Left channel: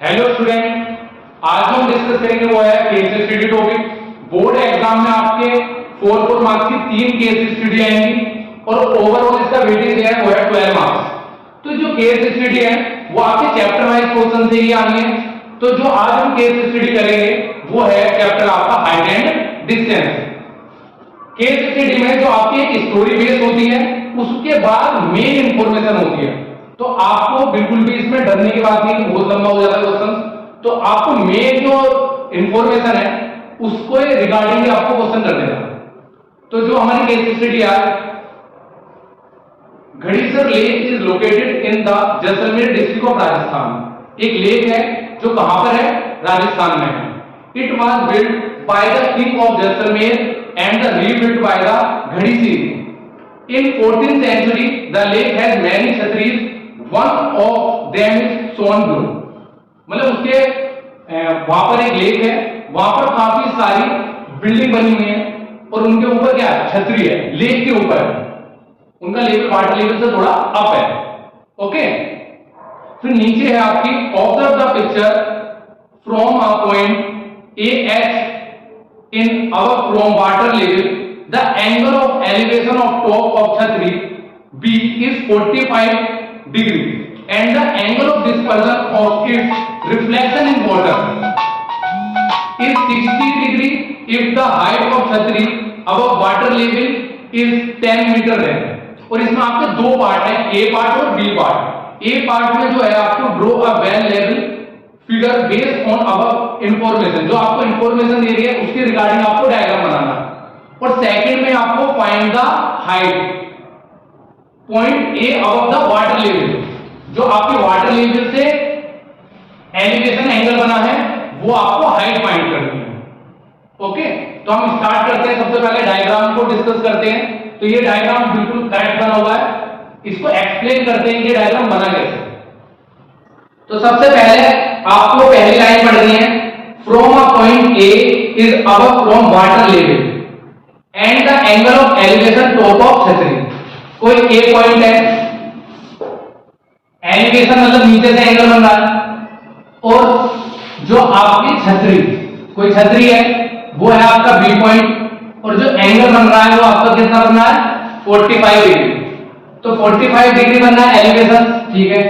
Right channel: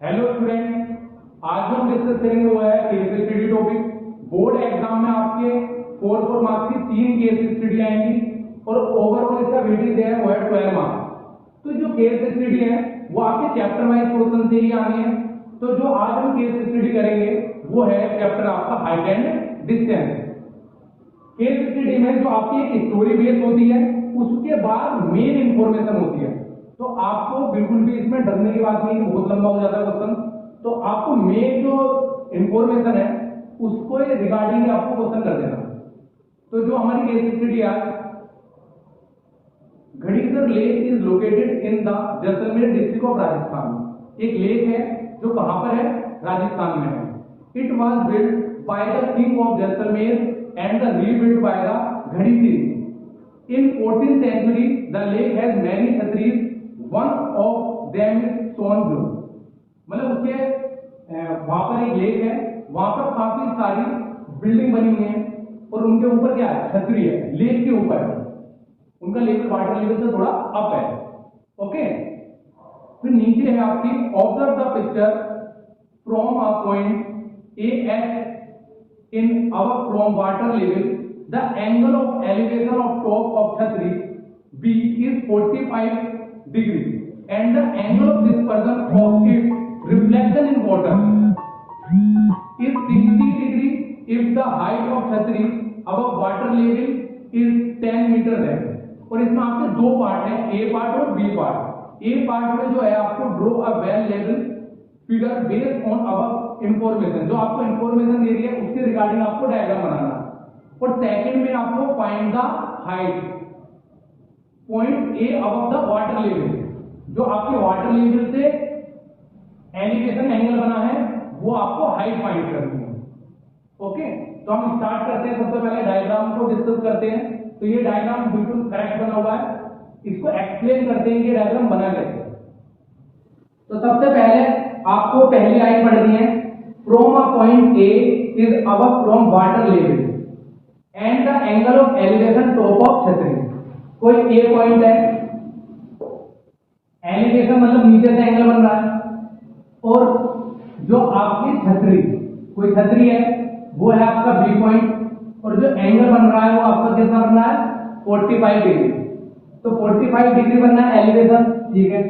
Hello student, आज जो हम डिस्कस करेंगे वो है case study topic. Board exam में आपके 4 मार्क्स की 3 केस स्टडी आएंगी और ओवरऑल इसका वेटेज है वो है 12 मार्क्स। तो जो केस स्टडी है वो आपके चैप्टर वाइज क्वेश्चन से ही आनी है। तो जो आज हम केस स्टडी करेंगे वो है चैप्टर आपका height and distance. Case study में जो आपकी एक स्टोरी बेस होती है उसके बाद मेन इंफॉर्मेशन होती है। तो आपको बिल्कुल भी इसमें डरने की बात नहीं कि बहुत लंबा हो जाता है क्वेश्चन। तो आपको मेन जो इंफॉर्मेशन है उसको रिगार्डिंग आपको क्वेश्चन कर देना। तो जो हमारी केस स्टडी है, Gadisar lake is located in the Jaisalmer district of Rajasthan. एक लेक है जो कहां पर है, राजस्थान में है। It was build by the king of Jaisalmer and the rebuilt by the Ghadi series. In 14th century, the lake has many chhatris. One of them is swan blue. मतलब उसके वहां पर एक लेक है, वहां पर काफी सारी बिल्डिंग बनी हुई है और उनके ऊपर क्या है, छतरी है, लेक के ऊपर है। उनका लेवल वाटर लेवल से थोड़ा अप है। ओके, फिर नीचे है आपकी observe the picture from a point A H in our from water level. The angle of elevation of top of chhatri B is 45 degree and the angle of dispersion of its reflection in water is 60 degree if the height of chhatri above water level is 10 meter है। और इसमें आपके दो part हैं, ए part और B part. ए part में जो है आपको draw a well level figure based on above information, जो आपको इंफॉर्मेशन दे रही है उसके रिगार्डिंग आपको डायग्राम बनाना है। और सेकंड में आपको find the height point A above the water level, जो आपके वाटर लेवल से एलिवेशन एंगल बना है वो आपको हाइट फाइंड करनी है। ओके, तो हम स्टार्ट करते हैं। सबसे पहले डायग्राम को डिस्कस करते हैं। तो ये डायग्राम बिल्कुल करेक्ट बना हुआ है, इसको एक्सप्लेन करते हैं कि डायग्राम बना कैसे। तो सबसे पहले आपको पहली लाइन पढ़नी है, from a point A is above from water level and the angle of elevation top of छतरी। कोई ए पॉइंट है, एलिवेशन मतलब नीचे से एंगल बन रहा है, और जो आपकी छतरी, कोई छतरी है वो है आपका बी पॉइंट, और जो एंगल बन रहा है वो आपका कितना बन रहा है, 45 डिग्री। तो 45 डिग्री बनना है एलिवेशन, ठीक है।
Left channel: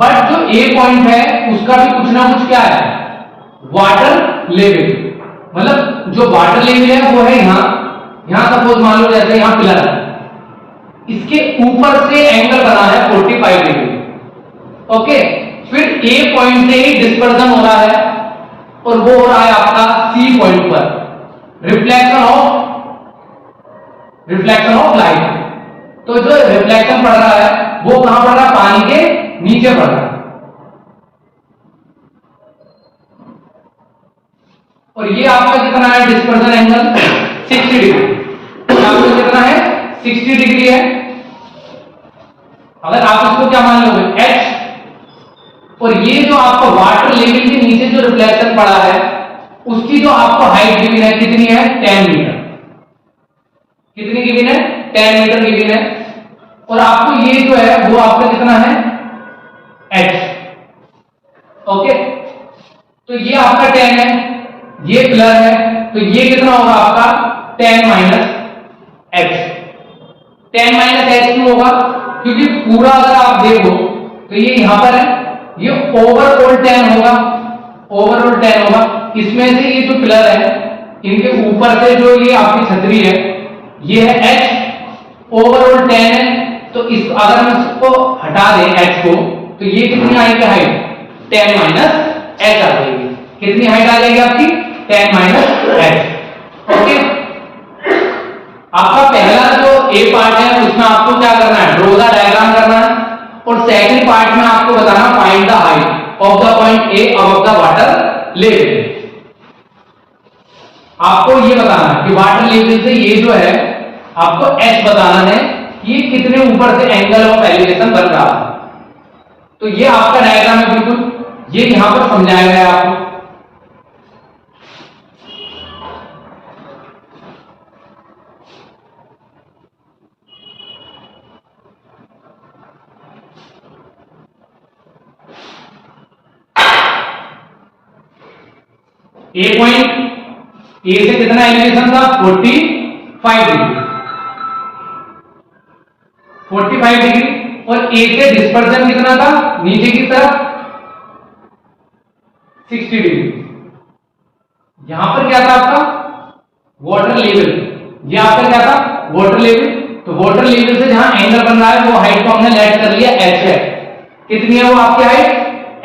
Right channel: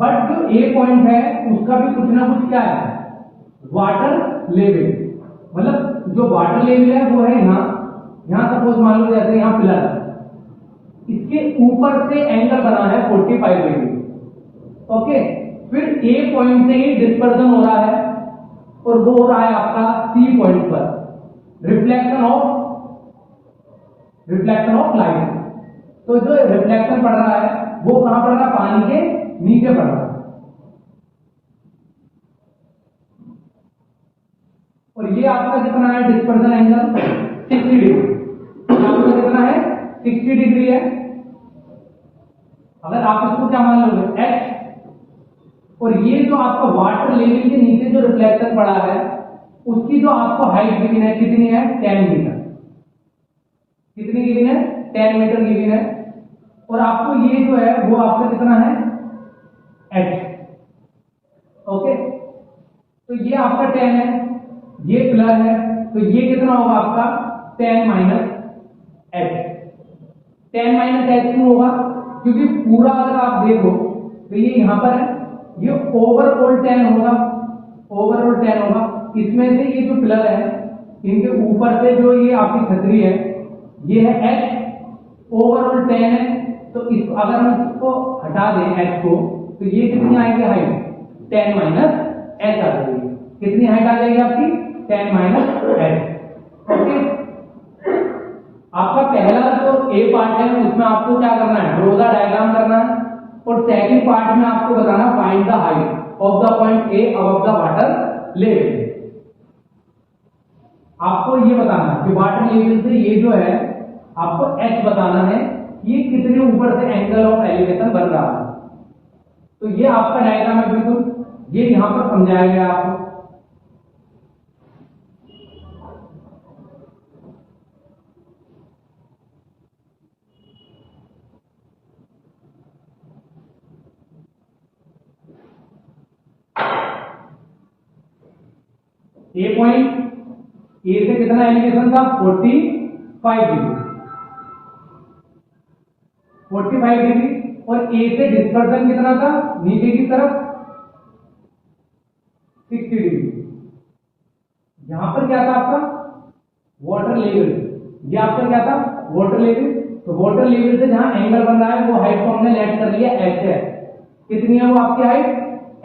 बट जो ए पॉइंट है उसका भी कुछ ना कुछ क्या है, वाटर लेवल। मतलब जो वाटर लेवल है वो है यहां सपोज मान लो जैसे यहां पिलर है, इसके ऊपर से एंगल बना है 45 डिग्री। ओके, फिर ए पॉइंट से ही डिस्पर्जन हो रहा है और वो हो रहा है आपका सी पॉइंट पर रिफ्लेक्शन ऑफ लाइट। तो जो रिफ्लेक्शन पड़ रहा है वो कहां पड़ रहा है, पानी के नीचे पड़ रहा है। और ये आपका कितना है डिस्पर्जन एंगल, 60 डिग्री। आपका कितना है, 60 डिग्री है। अगर आप इसको क्या मान लोगे, h, और ये जो आपका वाटर लेवल के नीचे जो रिफ्लेक्शन पड़ा है उसकी जो आपको हाइट गिवन है कितनी है, 10 मीटर। कितनी गिवन है, 10 मीटर गिवन है। और आपको ये जो है वो आपका कितना है, h। ओके, तो ये आपका 10 है, ये पिलर है, तो ये कितना होगा आपका 10 माइनस h। 10 माइनस h क्यों होगा, क्योंकि पूरा अगर आप देखो तो ये यहां पर है, ये ओवरऑल 10 होगा, ओवरऑल 10 होगा। इसमें से ये जो पिलर है इनके ऊपर से जो ये आपकी छतरी है ये है h, ओवरऑल 10 है। तो इस अगर हम इसको हटा दें h को तो ये कितनी आएगी हाइट, 10 माइनस h आ जाएगी। कितनी हाइट आ जाएगी आपकी, 10 माइनस h। ओके, आपका पहला जो ए पार्ट है उसमें आपको क्या करना है, ड्रॉ द डायग्राम करना है। और सेकंड पार्ट में आपको बताना find the height of the point A above the water level. आपको ये बताना है कि वाटर लेवल से ये जो है आपको h बताना है, ये कितने ऊपर से एंगल ऑफ एलिवेशन बन रहा है। तो ये आपका डायग्राम है, बिल्कुल ये यहां पर समझाया गया है आपको। ए पॉइंट, ए से कितना एलिवेशन था 45 डिग्री, 45 डिग्री, और ए से डिस्पर्जन कितना था नीचे की तरफ 60 डिग्री। यहां पर क्या था आपका वाटर लेवल, ये आपका क्या था वाटर लेवल। तो वाटर लेवल से जहां एंगल बन रहा है वो हाइट को हमने लेट कर लिया h है। कितनी है वो आपकी हाइट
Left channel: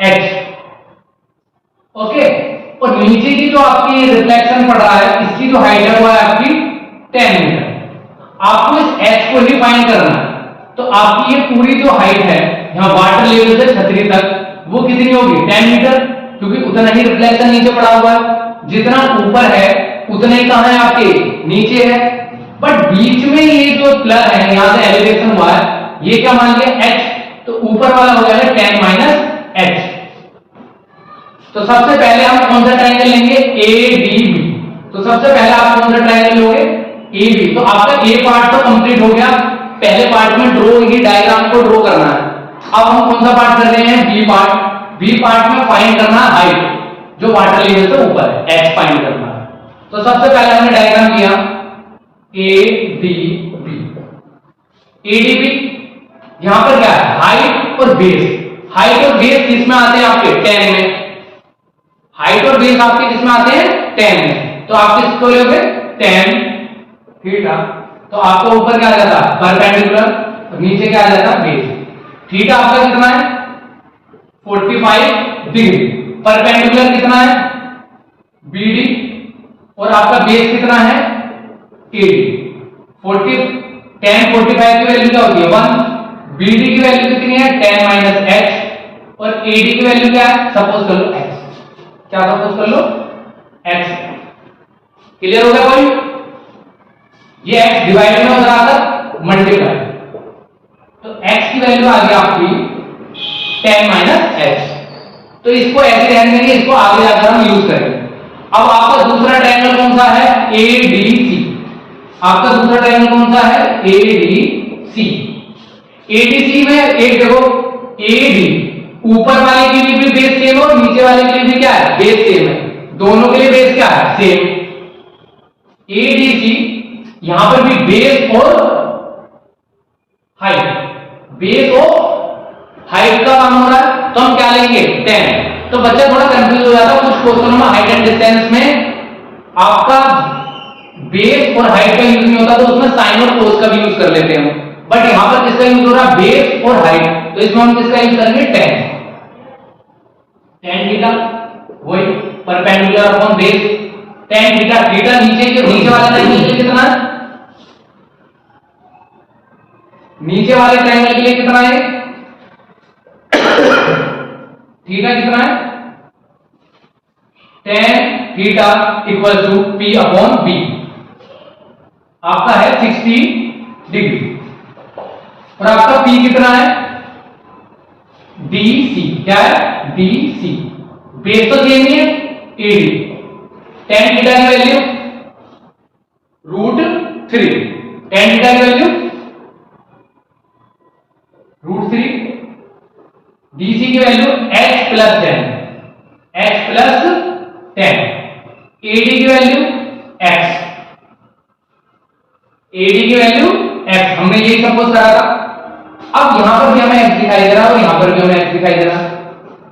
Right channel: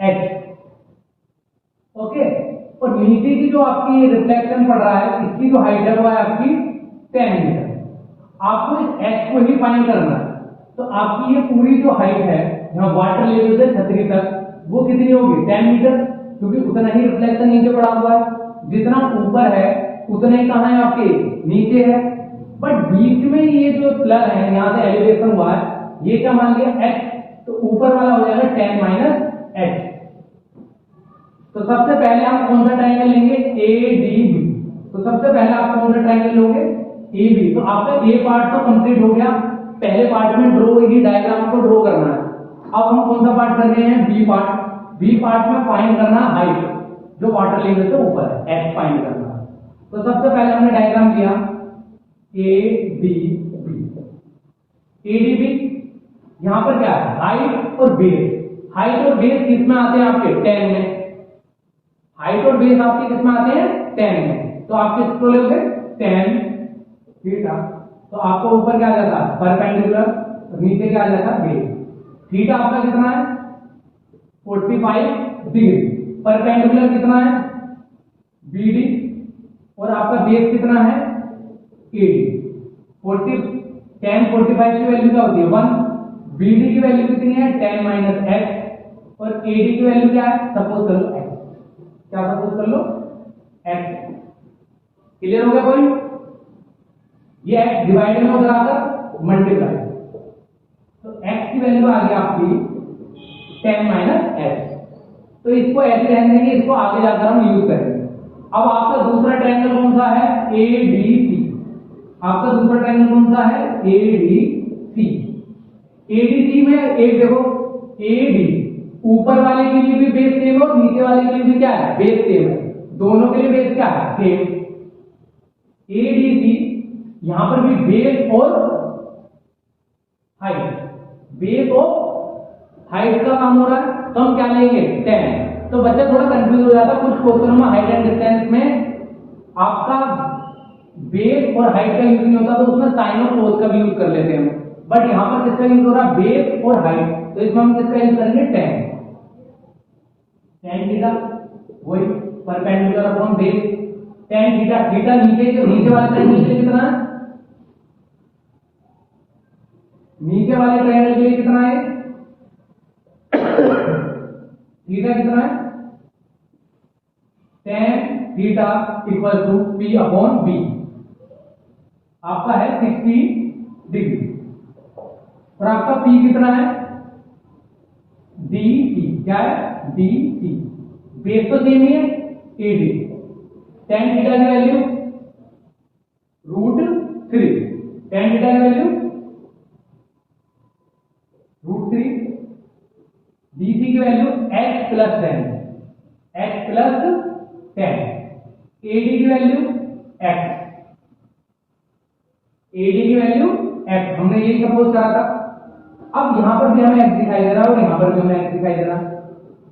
h, ओके। और नीचे की जो आपकी रिफ्लेक्शन पड़ रहा है इसकी जो हाइट है वो है आपकी 10 मीटर। आपको इस h को ही फाइंड करना है। तो आपकी ये पूरी जो हाइट है यहाँ वाटर लेवल से छतरी तक वो कितनी होगी 10 मीटर, क्योंकि उतना ही रिफ्लेक्शन नीचे पड़ा हुआ है। जितना ऊपर है उतना ही कहां है आपके नीचे है, बट बीच में ये जो प्लग है यहां से एलिवेशन हुआ है ये क्या मान लिया h, तो ऊपर वाला हो जाएगा 10 माइनस h। तो सबसे पहले हम कौन सा ट्रायंगल लेंगे ADB। तो सबसे पहले आप कौन सा ट्रायंगल लोगे AB। तो आपका A पार्ट तो कंप्लीट हो गया, पहले पार्ट में ड्रॉ ही डायग्राम को ड्रॉ करना है। अब हम कौन सा पार्ट कर रहे हैं B पार्ट। B पार्ट में फाइंड करना है हाइट जो वाटर लेवल से ऊपर है h फाइंड करना है। तो सबसे पहले हमने डायग्राम किया ADB। ADB यहां पर क्या है हाइट और बेस। हाइट और बेस किसमें आते हैं आपके 10 में, हाइट और बेस आपके किसमें आते हैं 10 में। तो आप किसको लोगे 10 थीटा। तो आपको ऊपर क्या आ जाता परपेंडिकुलर और नीचे क्या आ जाता बेस। थीटा आपका कितना है 45 डिग्री, परपेंडिकुलर कितना है BD, और आपका बेस कितना है AD। 10 45 की वैल्यू क्या होती है 1, BD की वैल्यू कितनी है 10 माइनस h, और AD की वैल्यू क्या है सपोज कर लो x। क्या सपोज कर लो x। क्लियर हो गया कोई। ये x डिवाइड में उधर आकर मल्टीप्लाई, तो x की वैल्यू आ गई आपकी 10 माइनस h। तो इसको ऐसे रहने देंगे, इसको आगे जाकर हम यूज करेंगे। अब आपका दूसरा ट्रायंगल कौन सा है ADC। आपका दूसरा ट्रायंगल कौन सा है ADC। ADC में एक देखो AD ऊपर वाले के लिए भी बेस सेम और नीचे वाले के लिए भी क्या है बेस सेम है, दोनों के लिए बेस क्या है सेम। ADC यहां पर भी बेस और हाइट, बेस और हाइट का काम हो रहा है। तो हम क्या लेंगे 10। तो बच्चा थोड़ा कंफ्यूज हो जाता है कुछ क्वेश्चनों में हाइट एंड डिस्टेंस में आपका बेस और हाइट का यूज नहीं होता, तो उसमें साइन और कोस का भी यूज कर लेते हैं। बट यहां पर किसका यूज हो रहा है बेस और हाइट, तो इसमें हम किसका यूज करेंगे 10 थीटा, वही perpendicular upon base 10 theta. Theta नीचे वाले ट्रायंगल के लिए कितना है, नीचे वाले ट्रायंगल के लिए कितना है थीटा कितना है 10 theta equal to P upon B। आपका है 60 डिग्री, और आपका P कितना है DC। क्या है DC, बेस तो सेम ही है AD। 10 थीटा की वैल्यू √3, 10 थीटा की वैल्यू √3, DC की value h plus 10, h plus 10, AD की वैल्यू x, AD की वैल्यू x। हमने यही सपोज करा था। अब यहां पर भी हमें x दिखाई दे रहा है और यहां पर भी हमें x दिखाई दे रहा है,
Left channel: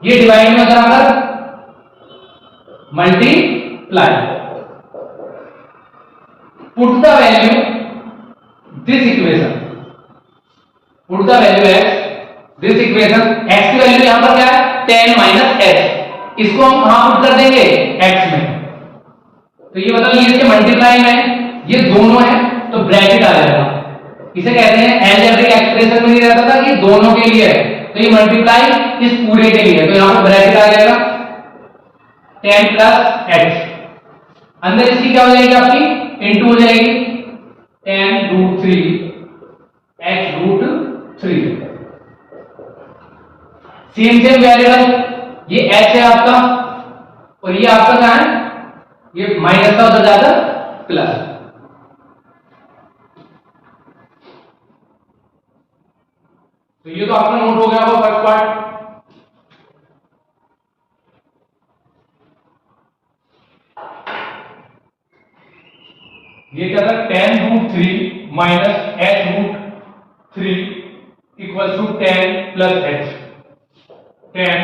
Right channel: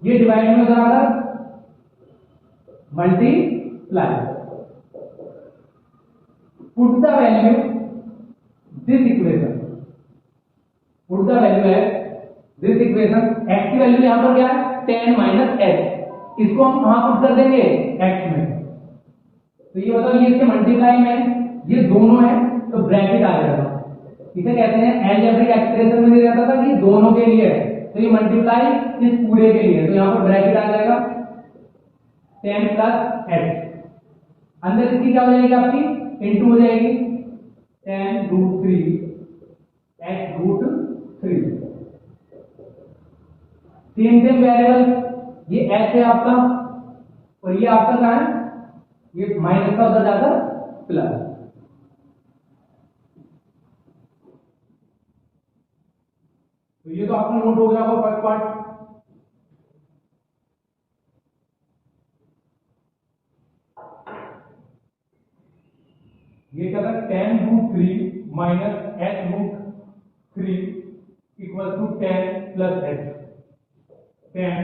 ये डिवाइड में जाकर multiply, put the value this equation, put the value x this equation. x की वैल्यू यहां पर क्या है 10 माइनस h, इसको हम कहां पुट कर देंगे x में। तो ये मतलब ये इसके मल्टीप्लाई में ये दोनों है तो ब्रैकेट आ जाएगा। इसे कहते हैं अलजेब्रिक एक्सप्रेशन में नहीं रहता था कि दोनों के लिए है, तो ये मल्टीप्लाई इस पूरे के लिए है, तो यहां पर ब्रैकेट आ जाएगा 10 प्लस h। अंदर इसकी क्या हो जाएगी आपकी इनटू हो जाएगी 10√3 h√3। सेम वेरिएबल ये h है आपका और ये आपका क्या है ये माइनस का उधर जाकर प्लस। तो ये तो आपका नोट हो गया होगा फर्स्ट पार्ट। ये क्या था, tan root 3 minus h root 3 equal to 10 plus h। tan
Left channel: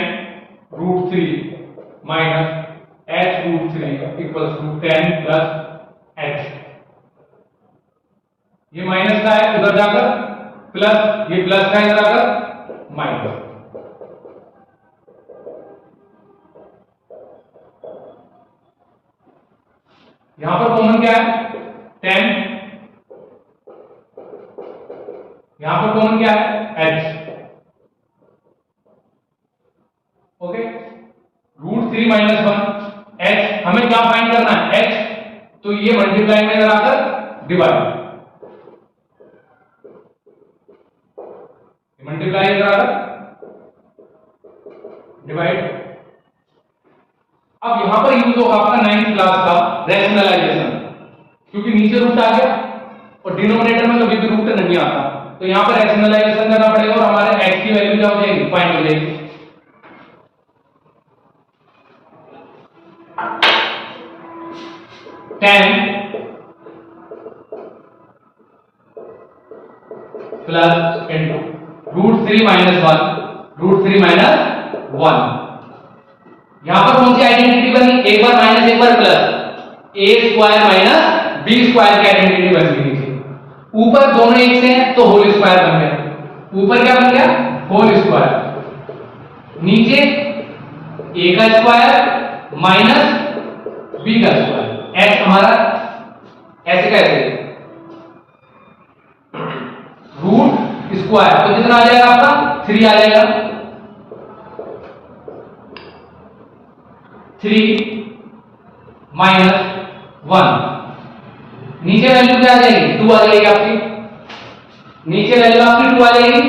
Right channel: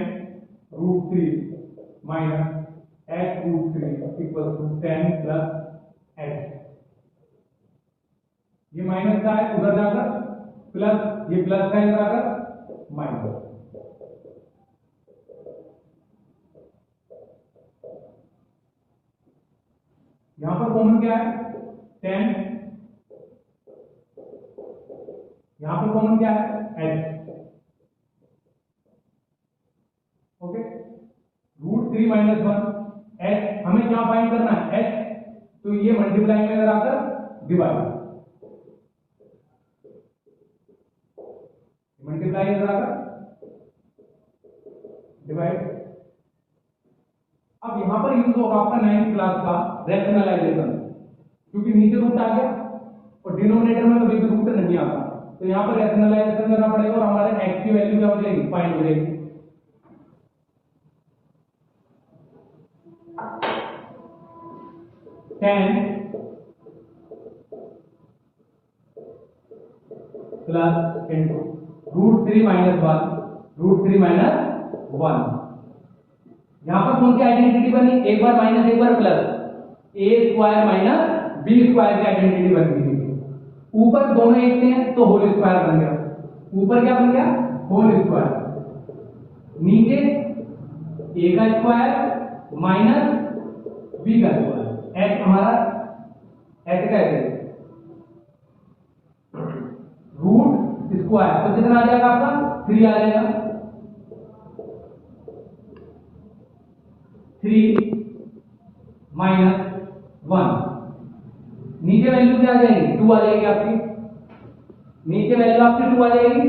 root 3 minus h root 3 equal to 10 plus h। ये माइनस का है उधर जाकर प्लस, ये प्लस का है इधर आकर माइनस। यहां पर कॉमन क्या है, 10, यहां पर कॉमन क्या है, h। Okay, root 3 minus 1 h, हमें क्या फाइंड करना है, h, तो ये मल्टीप्लाई में इधर आकर डिवाइड, मल्टीप्लाई इधर आकर डिवाइड। अब यहां पर यूज होगा आपका 9th क्लास का रैशनलाइजेशन, क्योंकि नीचे रूट आ गया और डिनोमिनेटर में कभी भी रूट नहीं आता, तो यहां पर रैशनलाइजेशन करना पड़ेगा और हमारे x की वैल्यू क्या हो जाएगी, फाइंड हो जाएगी। Ten plus into root 3 minus 1, root 3 minus 1। यहां पर कौन सी आइडेंटिटी बनी, एक बार माइनस एक बार plus, a square minus b square की आइडेंटिटी बन गई थी। ऊपर दोनों एक से हैं तो होल स्क्वायर बन गया, ऊपर क्या बन गया, होल स्क्वायर, नीचे a का स्क्वायर माइनस b का स्क्वायर, h हमारा ऐसे कैसे, रूट स्क्वायर तो कितना आ जाएगा आपका, 3 आ जाएगा, 3 माइनस 1, नीचे वैल्यू क्या आ जाएगी, 2 आ जाएगी आपकी, नीचे वैल्यू आपकी 2 आ जाएगी।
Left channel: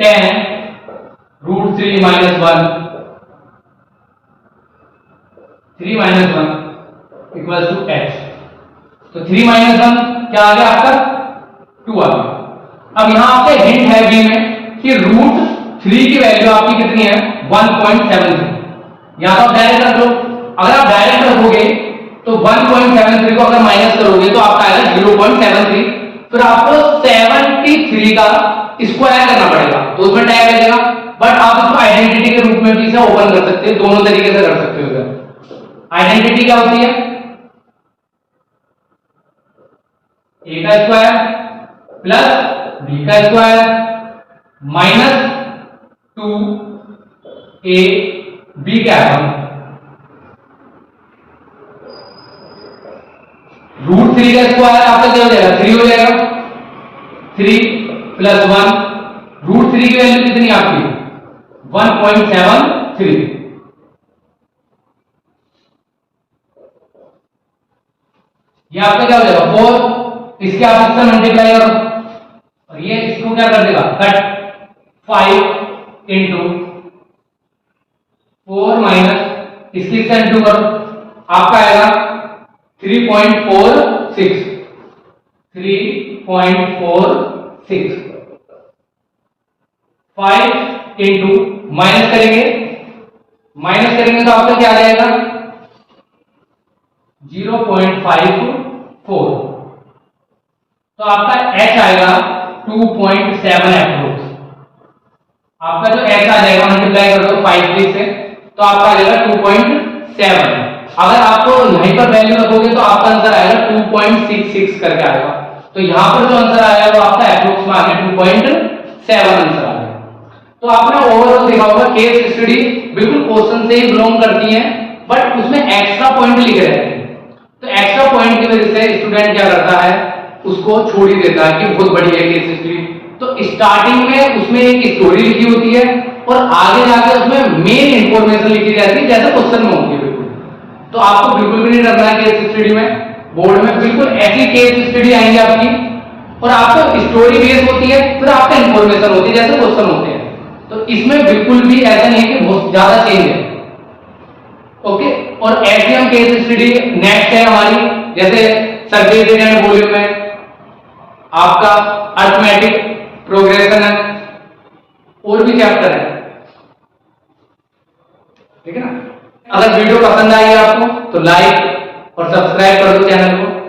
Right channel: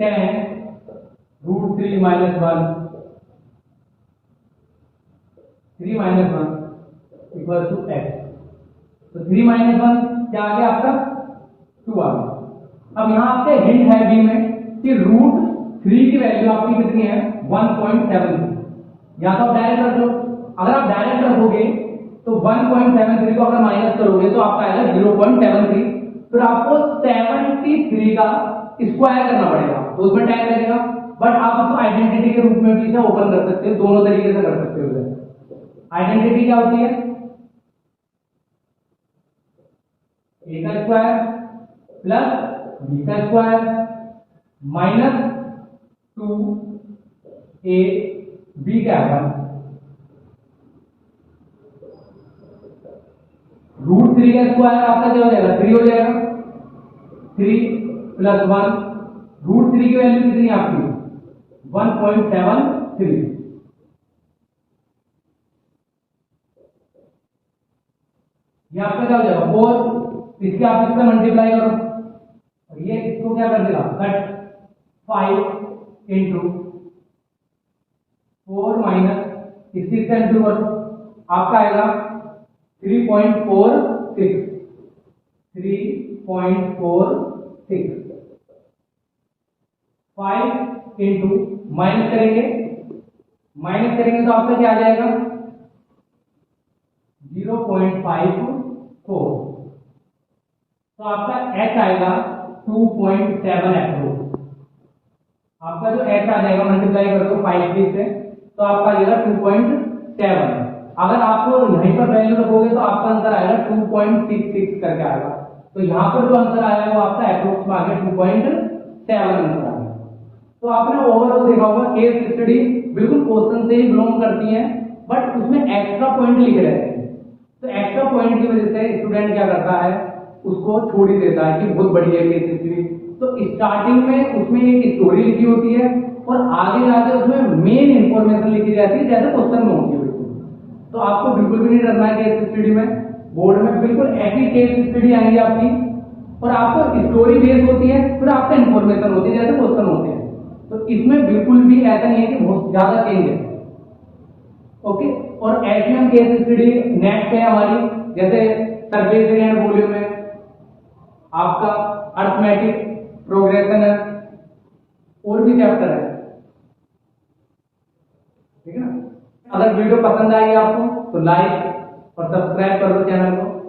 Ten root 3 minus 1, 3 minus 1 equal to h, तो 3 माइनस 1 क्या आ गया आपका, 2 आ गया। अब यहां आपके हिंट है बी में कि रूट 3 की वैल्यू आपकी कितनी है, 1.73। यहां तो आप डायरेक्ट रख लो, अगर आप डायरेक्ट रखोगे तो 1.73 को अगर माइनस करोगे तो आपका आएगा 0.73, फिर आपको 73 का स्क्वायर करना पड़ेगा, तो उसमें टाइम लगेगा, बट आप इसको आइडेंटिटी के रूप में भी इसे ओपन कर सकते हो, दोनों तरीके से कर सकते हो। आइडेंटिटी क्या होती है, a का स्क्वायर प्लस b का स्क्वायर माइनस 2a b क्या है, रूट 3 का स्क्वायर आपका क्या हो जाएगा, 3 हो जाएगा, 3 प्लस 1, रूट 3 की वैल्यू कितनी आपकी, 1.73, ये आपका क्या हो जाएगा 4, इसके आप इससे मल्टीप्लाई करो और ये इसको क्या कर देगा, कट, 5 इंटू 4 माइनस इसकी इससे इंटू करो, आपका आएगा 3.46, 3.46, 5 इंटू माइनस करेंगे तो आपका क्या आ जाएगा 0.54, तो आपका h आएगा 2.7 एप्रोक्स, आपका जो h आ जाएगा मल्टीप्लाई कर दो 5 से तो आपका आ जाएगा 2.7। अगर आपको यहीं पर वैल्यू रखोगे तो आपका आंसर आएगा 2.66 करके आएगा, तो यहां पर जो आंसर आया वो आपका एप्रोक्स में आ गया 2.7 आंसर आ गया। तो आपने ओवरऑल देखा होगा केस स्टडी बिल्कुल क्वेश्चन से ही बिलोंग करती है, बट उसमें एक्स्ट्रा पॉइंट लिखे रहते हैं, तो एक्स्ट्रा पॉइंट की वजह से स्टूडेंट क्या करता है, उसको छोड़ ही देता है कि बहुत बड़ी है केस स्टडी। तो स्टार्टिंग में उसमें एक स्टोरी लिखी होती है और आगे जाके उसमें मेन इंफॉर्मेशन लिखी जाती है जैसे क्वेश्चन में होती है बिल्कुल। तो आपको बिल्कुल भी नहीं डरना है केस स्टडी में, बोर्ड में बिल्कुल ऐसी केस स्टडी आएंगी आपकी और आपको स्टोरी बेस होती है, फिर आपका इंफॉर्मेशन होती है जैसे क्वेश्चन होते हैं। तो इसमें बिल्कुल भी ऐसा नहीं है कि बहुत ज्यादा चेंज है, ओके। और ऐसे हम केस स्टडी नेक्स्ट है हमारी, जैसे सरफेस एरिया एंड वॉल्यूम में आपका अर्थमेटिक प्रोग्रेशन है, और भी चैप्टर है, ठीक है ना। अगर वीडियो पसंद आई आपको तो लाइक और सब्सक्राइब कर दो चैनल को।